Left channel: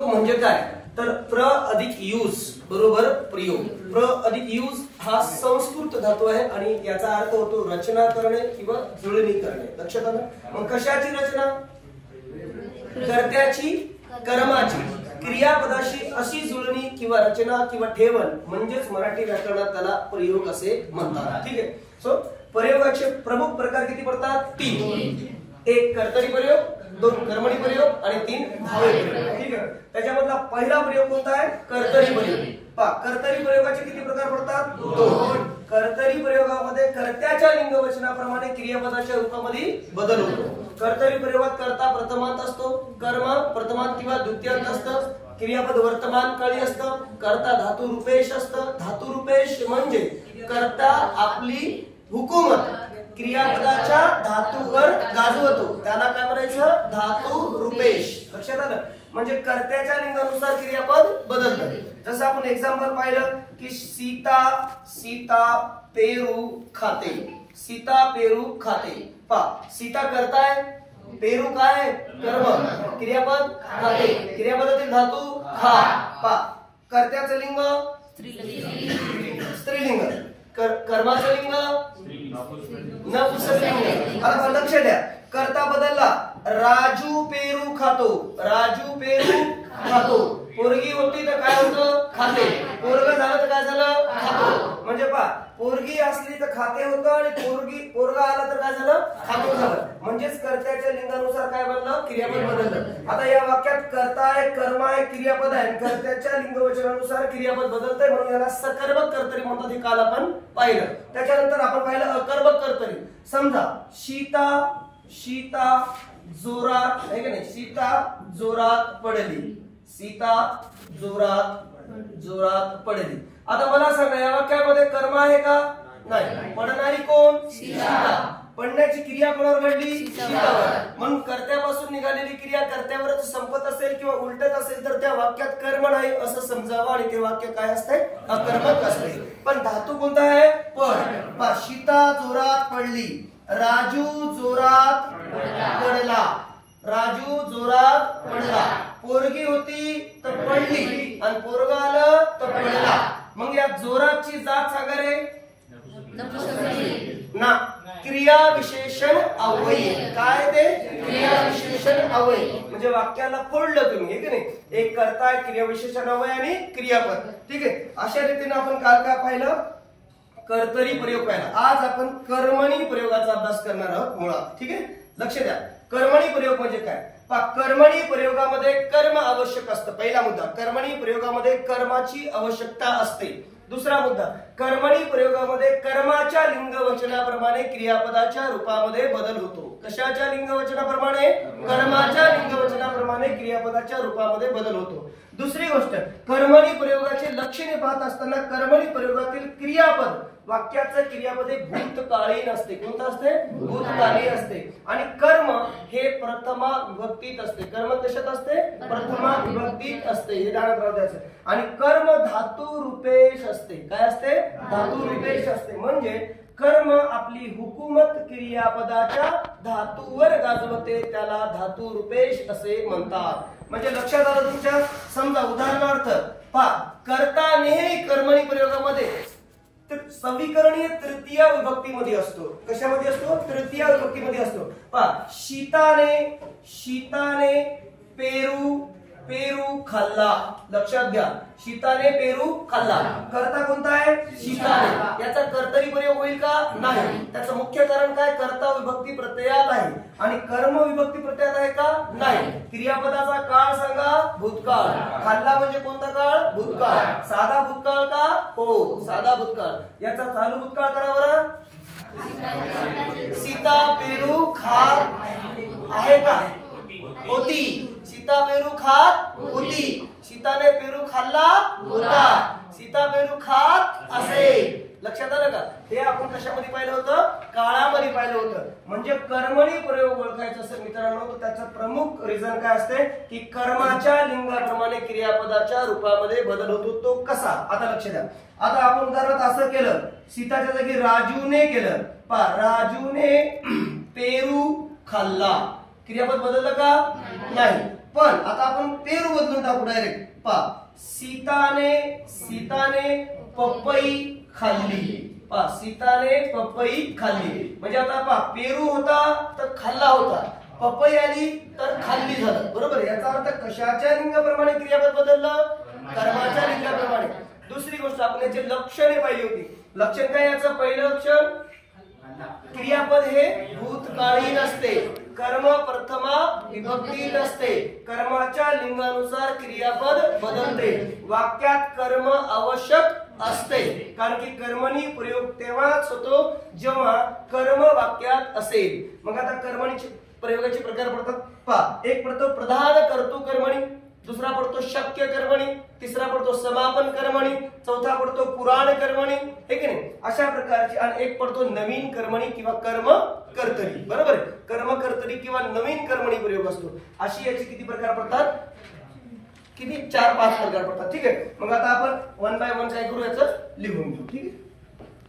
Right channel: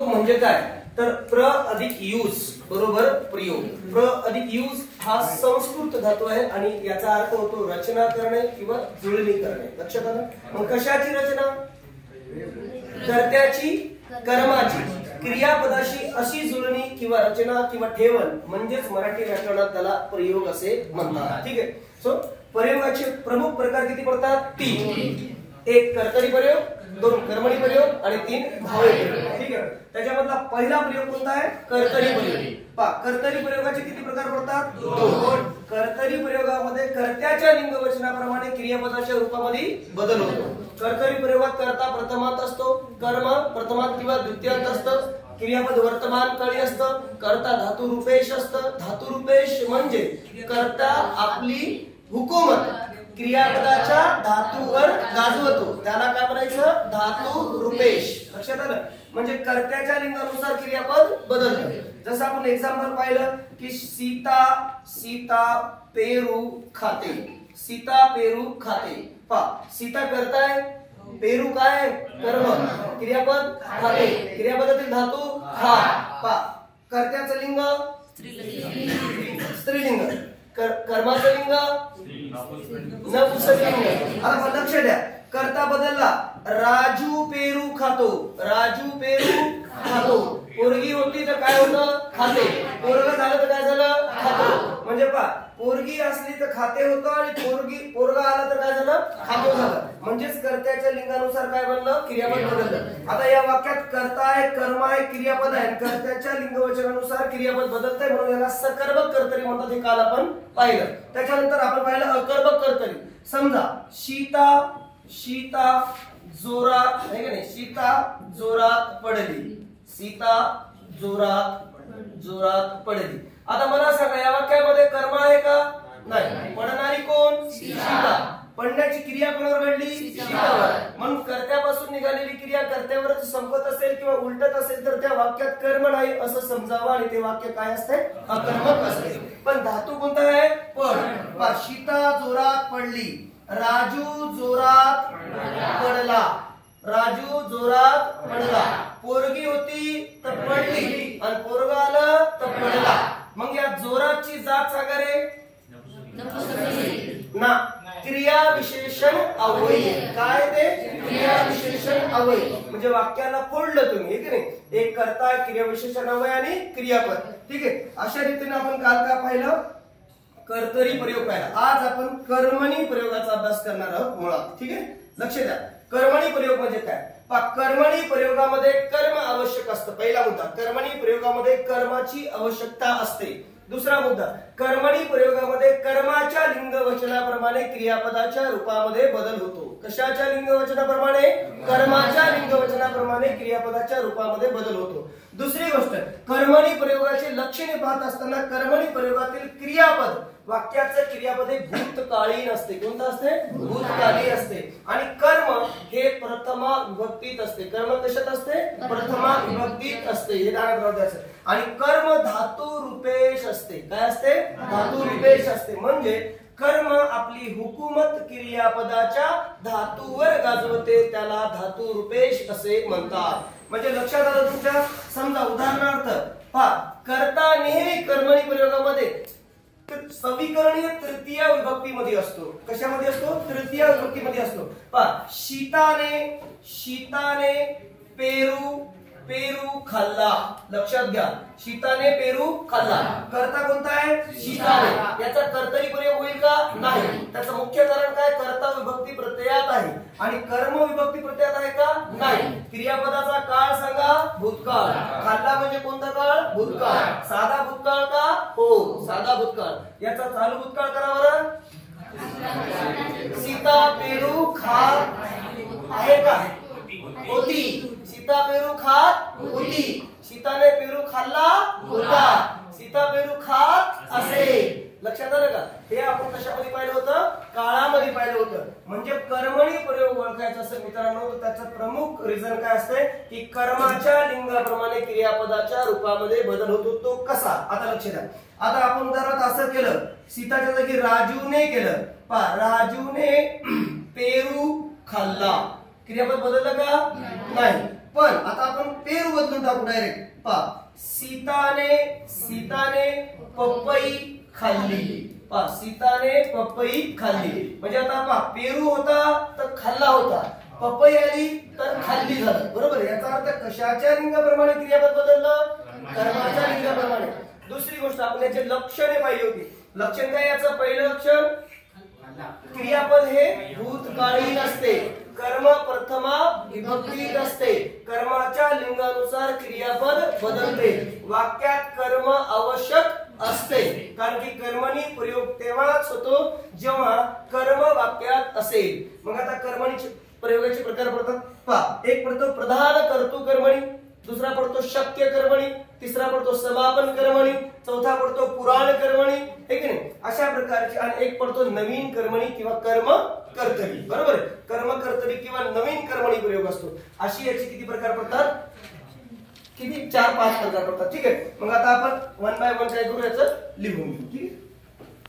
म्हणजे काय तर प्र अधिक यूज बरोबर प्रयोग. प्र अधिक यूज हा संस्कृत धातू आहे आणि याचा अर्थ होतो रचना करणे किंवा जुळणी करणे. लक्षात आलं. मग कशाची रचना? कर्त्याची, कर्माची, क्रियापदाशी अशी जुळणी किंवा रचना किंवा ठेवण म्हणजेच मराठी व्याकरणात त्याला प्रयोग असे म्हणतात. ठीक आहे. सो प्रयोगाचे प्रमुख प्रकार किती पडतात? 3. एक कर्तरी प्रयोग, 2 कर्मणी प्रयोग आणि 3 भावी प्रयोग. ठीक आहे. त्याच्यामधला पहिला प्रयोग कोणता आहे? कर्तरी प्रयोग. पहा कर्तरी प्रयोगाचे किती प्रकार पडतात? 2. कर्तरी प्रयोगामध्ये कर्त्याच्या लिंगवचनाप्रमाणे क्रियापदाच्या रूपामध्ये बदल होतो. कर्तरी प्रयोगात कर्ता प्रथमांत असतो, कर्म प्रथमांत किंवा द्वितीयांत असतं, क्रियापद वर्तमान काळी असतं, कर्ता धातू रूपेश असतं. धातू रूपेश म्हणजे कर्ता आपली हुकूमत क्रियापदाच्या धातूवर गाजवतो, त्याला काय म्हणायचं? धातू रूपेश. लक्षात आलं. म्हणजे कर्त्याच्या लिंगानुसार क्रियापद बदलतं. जसं आपण एक्झाम्पल पाहिलं की सीता पेरू खाते. सीता पेरू खाते. पहा सीता कर्ता आहे, पेरू काय आहे? कर्म, क्रियापद खाते, क्रियापदातील धातू खा. पहा कर्त्याचं लिंग स्त्रीलिंग, कर्माचं लिंग नपुंसकलिंग. आता लक्ष द्या, कर्ता बदलला. राजू पेरू खातो, राजू पेरू खातो. पोरगी होती तर काय होतं? खाते. पोरग झालं तर काय झालं? खातो. म्हणजे पहा पोरगी असली तर खाते होतं आणि पोरगा आला तर काय झालं? खातो झालं. म्हणजेच कर्त्याच्या लिंगानुसार काय बनलं? क्रियापद बदललं. आता या वाक्यात कर्ता आहे, कर्म आहे, क्रियापद आहे. कर्त्याच्या लिंगवचनानुसार क्रियापद बदलतंय म्हणून याला सकर्मक कर्तरी म्हणतात. हे काल आपण पाहिलं. त्याच्यानंतर आपण पाहिलं अकर्मक कर्तरी. समजा सीता जोरात आहे का नाही? सीता जोरात पडली. सीता जोरात पडली. आता मला सांगा या वाक्यामध्ये कर्म आहे का? नाही. पडणारी कोण? सीता. पडण्याची क्रिया कोणावर घडली? सीतावर. म्हणून कर्त्यापासून निघालेली क्रिया कर्त्यावरच संपत असेल किंवा उलटत असेल तर त्या वाक्यात कर्म नाही असं समजावं आणि ते वाक्य काय असते? अकर्मक असते. पण धातू कोणता आहे? पड. सीता जोरात पडली, राजू जोरात पडला, राजू जोरात पडला. पोरगी होती तर पडली आणि पोरगा आलं तर पडला. मग या जोराची जात सांगा रे ना. क्रिया विशेषण अव्यय. काय ते? क्रिया विशेषण अव्यय. म्हणजे वाक्याला फोडलं तुम्ही, हे की नाही? एक कर्ता, क्रिया विशेषण अव्यय आणि क्रियापद. ठीक आहे. अशा रीतीने आपण काल काय पाहिलं? कर्तरी प्रयोग पाहिला. आज आपण कर्मणी प्रयोगाचा अभ्यास करणार आहोत मुळात. ठीक आहे. लक्ष द्या. कर्मणी प्रयोग म्हणजे काय? कर्मणी प्रयोगामध्ये कर्म आवश्यक असतं. पहिला मुद्दा, कर्मणी प्रयोगामध्ये कर्माची आवश्यकता असते. दुसरा मुद्दा, कर्मणी प्रयोगामध्ये कर्माच्या लिंगवचनाप्रमाणे क्रियापदाच्या रूपामध्ये बदल होतो. कशाच्या लिंगवचनाप्रमाणे? कर्माच्या लिंगवचनाप्रमाणे क्रियापदाच्या रूपामध्ये बदल होतो. दुसरी गोष्ट, कर्मणी प्रयोगाचे लक्षणे पाहत असताना कर्मणी प्रयोगातील क्रियापद वाक्याचं क्रियापद हे भूतकालीन असते. कोणतं असते? भूतकालीन असते. आणि कर्म हे प्रथमा विभक्तीत असते. कर्म कशात असते? प्रथमा विभक्तीत असते. हे ध्यानात राहू द्यायचं. आणि कर्म धातू रूपेश असते. काय असते? धातू रूपेश असते. म्हणजे कर्म आपली हुकूमत क्रियापदाच्या धातूवर गाजवते, त्याला धातू रूपेश असे म्हणतात. म्हणजे लक्षात आलं तुमच्या? समजा उदाहरणार्थ पहा, कर्ता नेहमी कर्मणी प्रयोगामध्ये समीकरणीय तृतीय विभक्तीमध्ये असतो. कशामध्ये असतो? तृतीय विभक्तीमध्ये असतो. पहा शीताने पेरू खाल्ला. लक्षात घ्या, शीताने पेरू खाल्ला. कर्ता कोणता आहे? शीताने. याचा कर्तरी प्रयोग होईल का? नाही. त्याचं मुख्य कारण काय? कर्ता विभक्ती प्रत्ययात आहे आणि कर्म विभक्ती प्रत्ययात आहे का? नाही. क्रियापदाचा काळ सांगा? भूतकाळ. खाल्ला म्हणजे कोणता काळ? भूतकाळ. साधा भूतकाळ का? हो, साधा भूतकाळ. याचा चालू भूतकाळ करा बरं. सीता पेरू खात आहे का? होती. सीता पेरू खात होती. सीताने पेरू खाल्ला होता. सीता पेरू खात असे. लक्षात आलं का? हे आपण कशामध्ये पाहिलं होतं? काळामध्ये पाहिलं होतं. म्हणजे कर्मणी प्रयोग ओळखायचा असेल मित्रांनो तर त्याचं प्रमुख रिझन काय असते की कर्माच्या लिंगाप्रमाणे क्रियापदाच्या रूपामध्ये बदल होतो. तो कसा? आता लक्ष द्या. आता आपण उदाहरणार्थ असं केलं, सीताच्या जागी राजूने केलं. पहा राजूने पेरू खाल्ला. क्रियापद बदललं का? नाही. पण आता आपण पेरू बदलून टाकू डायरेक्ट. पहा, सीताने पपई खाल्ली. पहा, सीताने पपई खाल्ली. म्हणजे आता पहा, पेरू होता तर खाल्ला होता, पपई आली तर खाल्ली झालं. बरोबर. याचा अर्थ कशाच्या लिंगाप्रमाणे क्रियापद बदललं? कर्माच्या लिंगाप्रमाणे. दुसरी गोष्ट आपण याचे लक्षणे पाहिली होती. लक्षण काय याचं? पहिलं लक्षण, क्रियापद हे भूतकाळी नसते, कर्म प्रथमा विभक्ती नसते, कर्माच्या लिंगानुसार क्रियापद बदलते, वाक्यात कर्म आवश्यक असते. कारण की कर्मणी प्रयोग तेव्हाच होतो जेव्हा कर्म वाक्यात असेल. मग आता कर्मणी प्रयोगाचे प्रकार पडतात. पहा, एक पडतो प्रधान कर्तृ कर्मणी, दुसरा पडतो शक्य कर्मणी, तिसरा पडतो समापन कर्मणी, चौथा पडतो पुराण कर्मणी, हे की नाही, अशा प्रकारचे. आणि एक पडतो नवीन कर्मणी किंवा कर्म कर्तरी. बरोबर. कर्म कर्तरी किंवा नवीन कर्मणी प्रयोग असतो. अशी याचे किती प्रकार पडतात? किती? 4-5 प्रकार पडतात. ठीक आहे. मग आता आपण वन बाय वन काय करू, याचं लिहून घेऊ. ठीक आहे.